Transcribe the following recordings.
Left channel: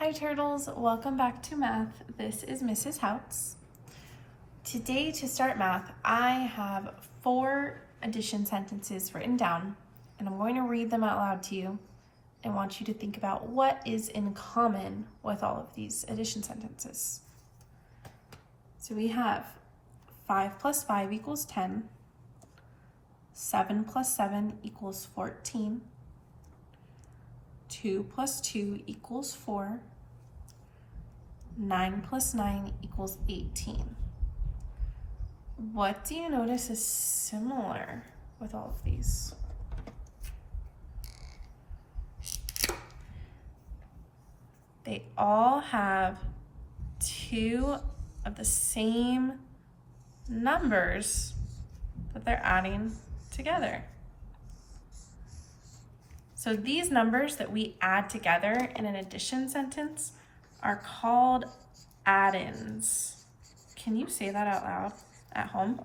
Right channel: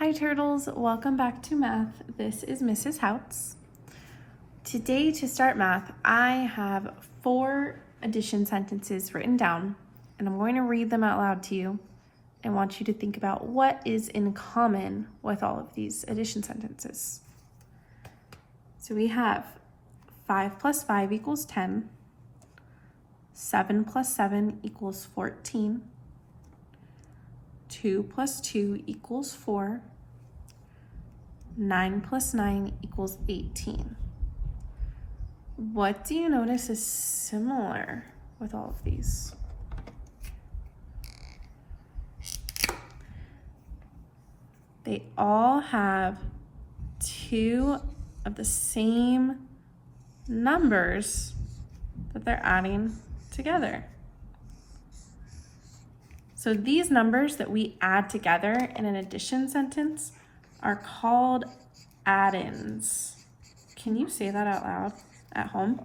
Hi turtles, welcome back to math. This is Mrs. Houts. Today to start math, I have 4 addition sentences written down and I'm going to read them out loud to you and want you to think about what is in common with all of these addition sentences. So we have 5 plus 5 equals 10, 7 plus 7 equals 14, 2 plus 2 equals 4, 9 plus 9 equals 18. What do you notice is similar with all of these? They all have 2 of the same numbers that they're adding together. So these numbers that we add together in an addition sentence are called add-ins. Can you say that out loud at home?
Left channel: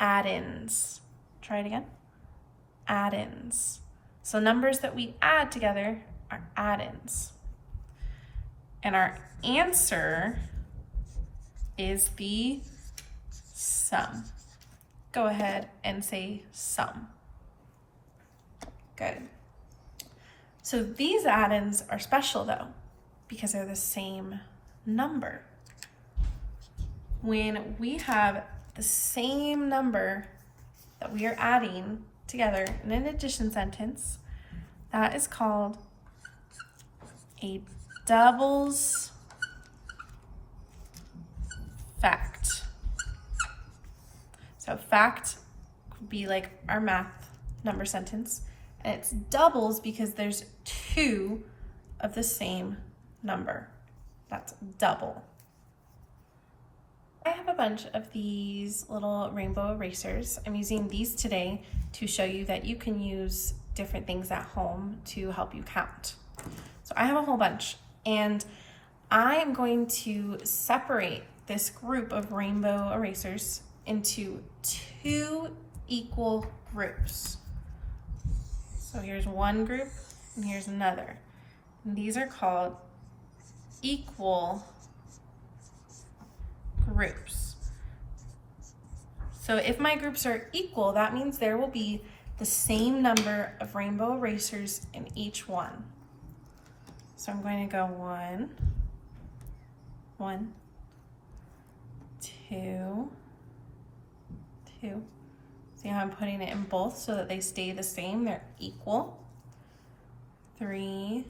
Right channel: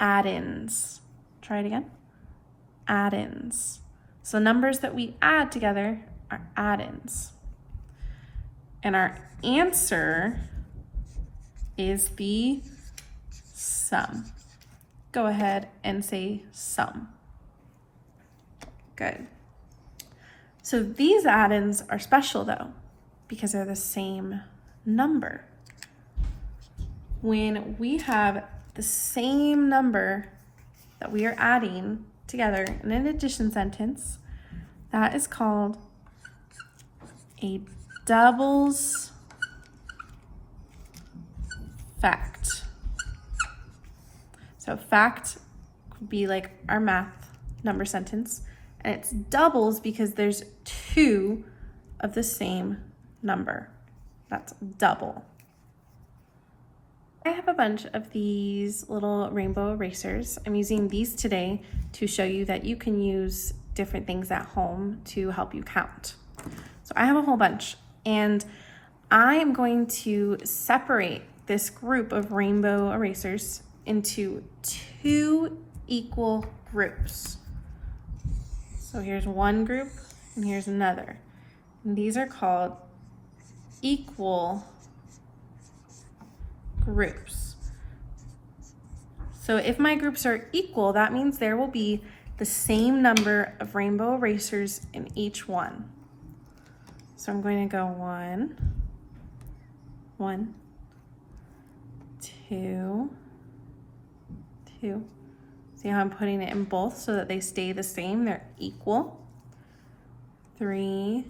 Add-ins. Try it again. Add-ins. So numbers that we add together are add-ins. And our answer is the sum. Go ahead and say sum. Good. So these add-ins are special though, because they're the same number. When we have the same number that we are adding together in an addition sentence, that is called a doubles fact. So fact would be like our math number sentence, and it's doubles because there's 2 of the same number. That's double. I have a bunch of these little rainbow erasers. I'm using these today to show you that you can use different things at home to help you count. So I have a whole bunch, and I am going to separate this group of rainbow erasers into 2 equal groups. So here's one group and here's another. And these are called equal groups. So if my groups are equal, that means there will be the same number of rainbow erasers in each one. So I'm going to go 1, 1, 2, 2. See how I'm putting it in both so that they stay the same, they're equal. 3,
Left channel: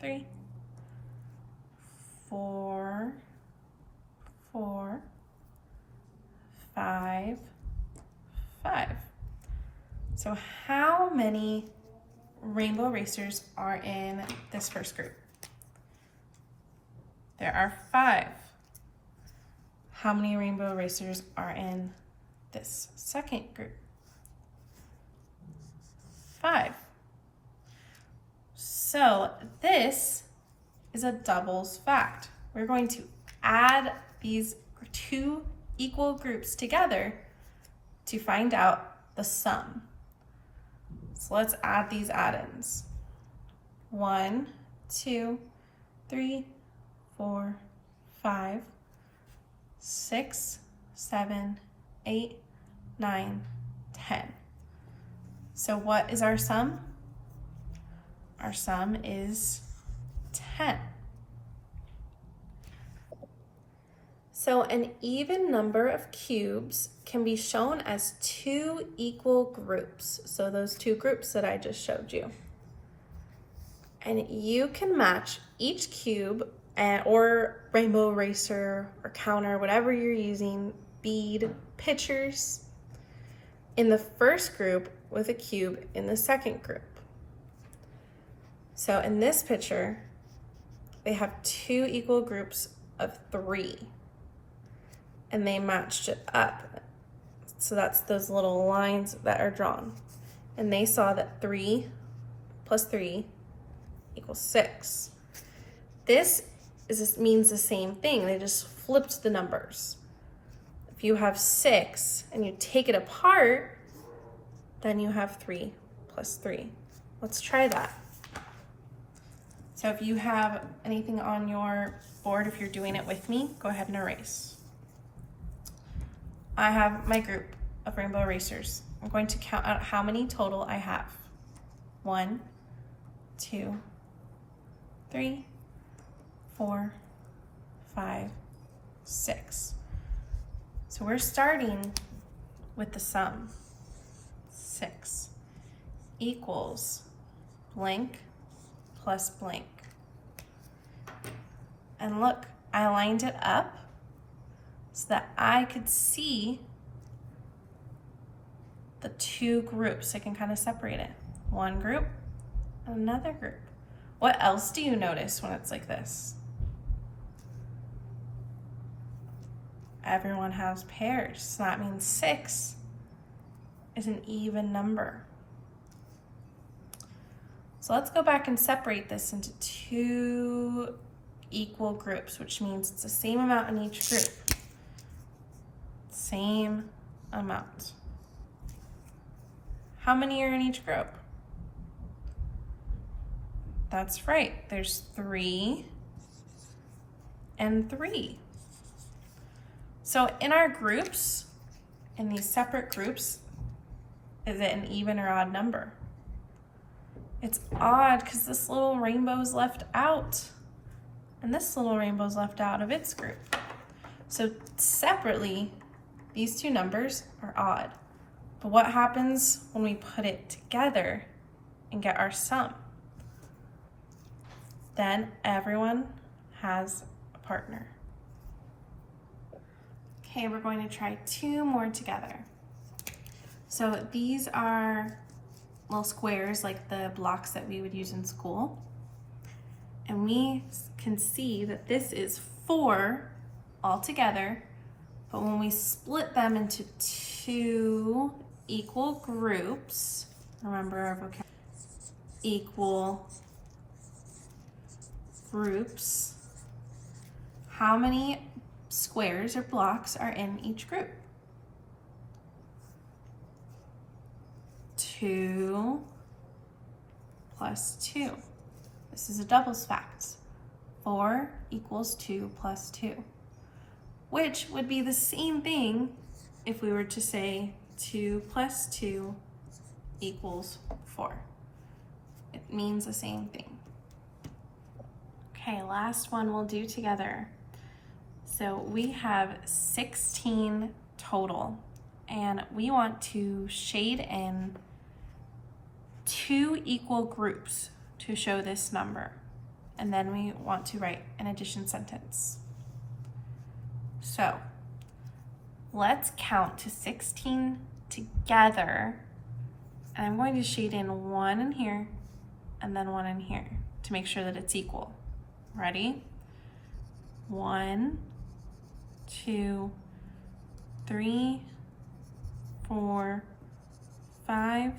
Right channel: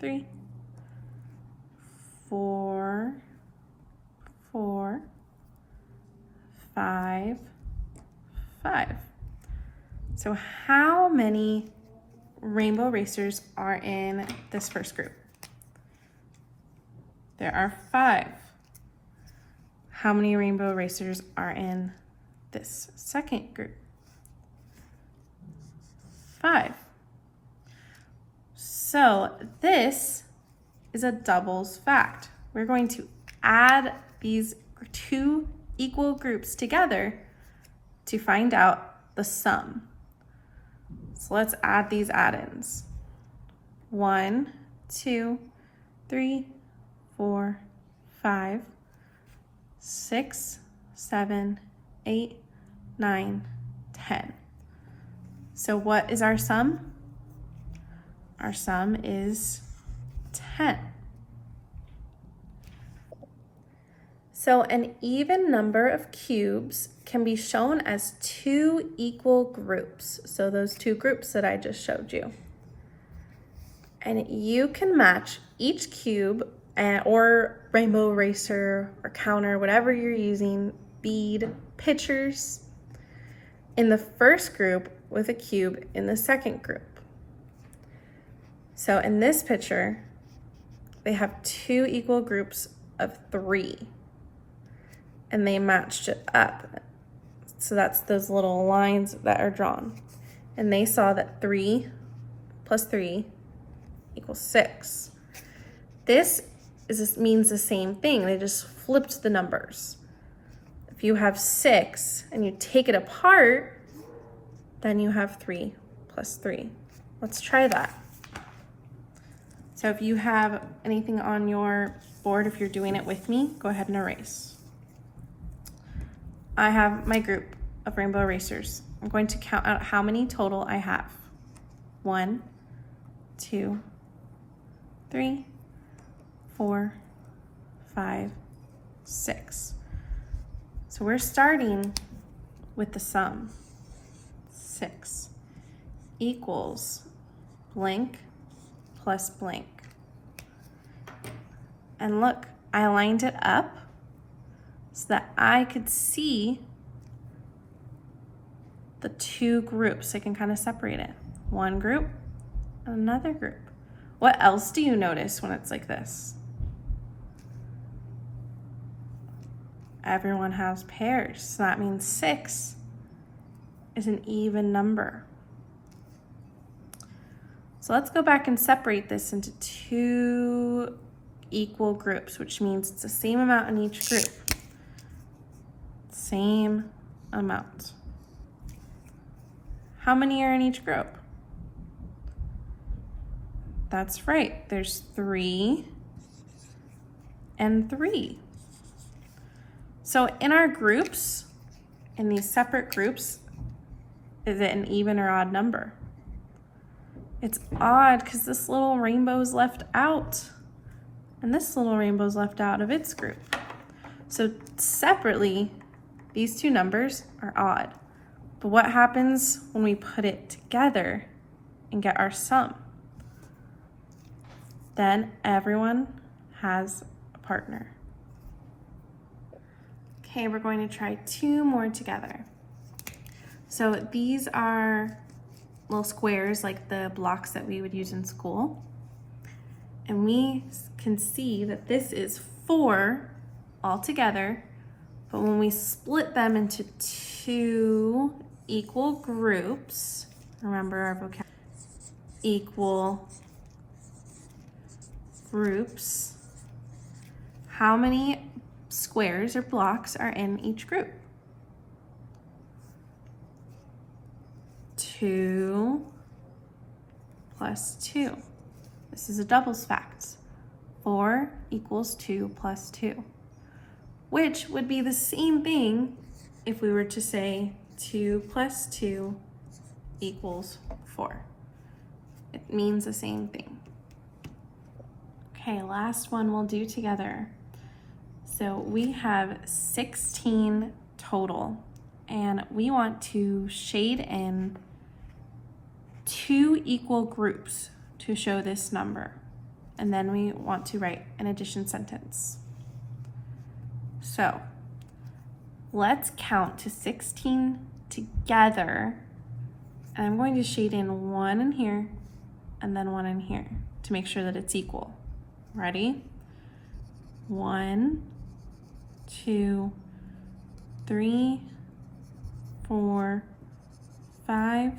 3, 4, 4, 5, 5. So how many rainbow erasers are in this first group? There are 5. How many rainbow erasers are in this second group? 5. So this is a doubles fact. We're going to add these 2 equal groups together to find out the sum. So let's add these add-ins. 1, 2, 3, 4, 5, 6, 7, 8, 9, 10. So what is our sum? Our sum is 10. So an even number of cubes can be shown as 2 equal groups. So those 2 groups that I just showed you. And you can match each cube or rainbow eraser or counter, whatever you're using, bead, pictures, in the first group with a cube in the second group. So in this picture, they have 2 equal groups of 3. And they matched it up. So that's those little lines that are drawn. And they saw that 3 plus 3 equals 6. This means the same thing. They just flipped the numbers. If you have 6 and you take it apart, then you have 3 plus 3. Let's try that. So if you have anything on your board, if you're doing it with me, go ahead and erase. I have my group of rainbow erasers. I'm going to count out how many total I have. 1, 2, 3, 4, 5, 6. So we're starting with the sum. 6 equals blank plus blank. And look, I lined it up so that I could see the two groups. I can kind of separate it. One group, another group. What else do you notice when it's like this? Everyone has pairs, so that means 6 is an even number. So let's go back and separate this into two equal groups, which means it's the same amount in each group. Same amount. How many are in each group? That's right, there's 3 and 3. So in our groups, in these separate groups, is it an even or odd number? It's odd because this little rainbow is left out and this little rainbow is left out of its group. So separately, these two numbers are odd. But what happens when we put it together and get our sum? Then everyone has a partner. Okay, we're going to try 2 more together. So these are little squares like the blocks that we would use in school. And we can see that this is 4 all together, but when we split them into 2 equal groups, remember our vocabulary, equal groups, how many squares or blocks are in each group? 2 plus 2. This is a doubles fact. 4 equals 2 plus 2, which would be the same thing if we were to say 2 plus 2 equals 4. It means the same thing. Okay, last one we'll do together. So we have 16 total, and we want to shade in 2 equal groups to show this number. And then we want to write an addition sentence. So let's count to 16 together. And I'm going to shade in 1 in here and then 1 in here to make sure that it's equal. Ready? 1, 2, 3, 4, 5,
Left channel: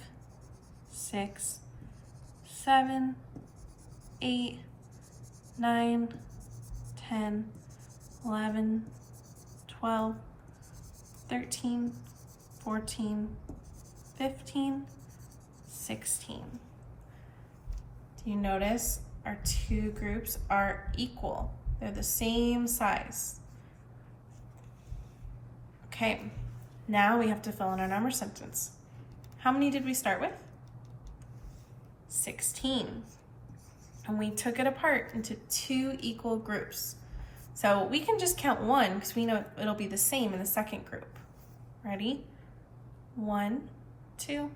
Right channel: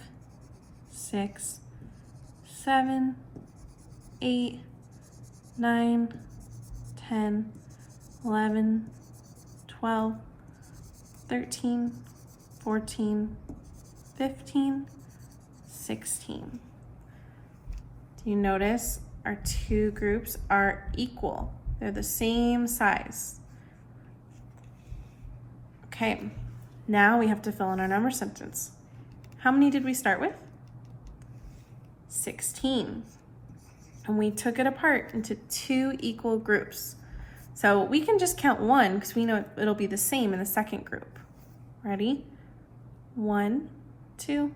6, 7, 8, 9, 10, 11, 12, 13, 14, 15, 16. Do you notice our 2 groups are equal? They're the same size. Okay, now we have to fill in our number sentence. How many did we start with? 16. And we took it apart into 2 equal groups. So we can just count 1 because we know it'll be the same in the second group. Ready? 1, 2,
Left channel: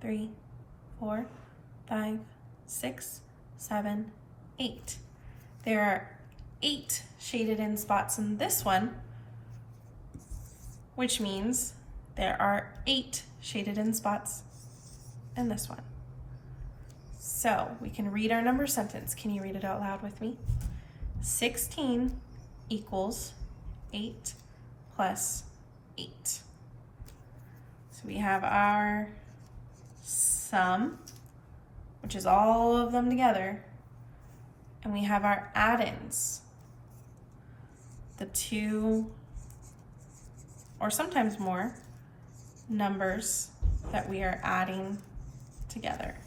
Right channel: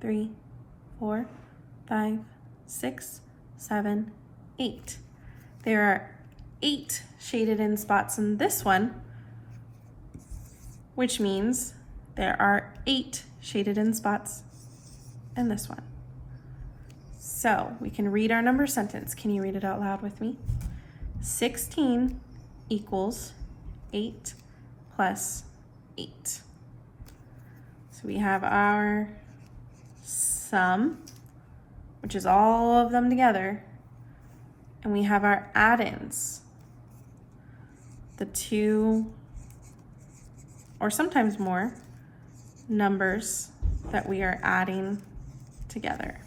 3, 4, 5, 6, 7, 8. There are 8 shaded in spots in this one, which means there are 8 shaded in spots in this one. So we can read our number sentence. Can you read it out loud with me? 16 equals 8 plus 8. So we have our sum, which is all of them together, and we have our add-ins, the 2 or sometimes more numbers that we are adding together.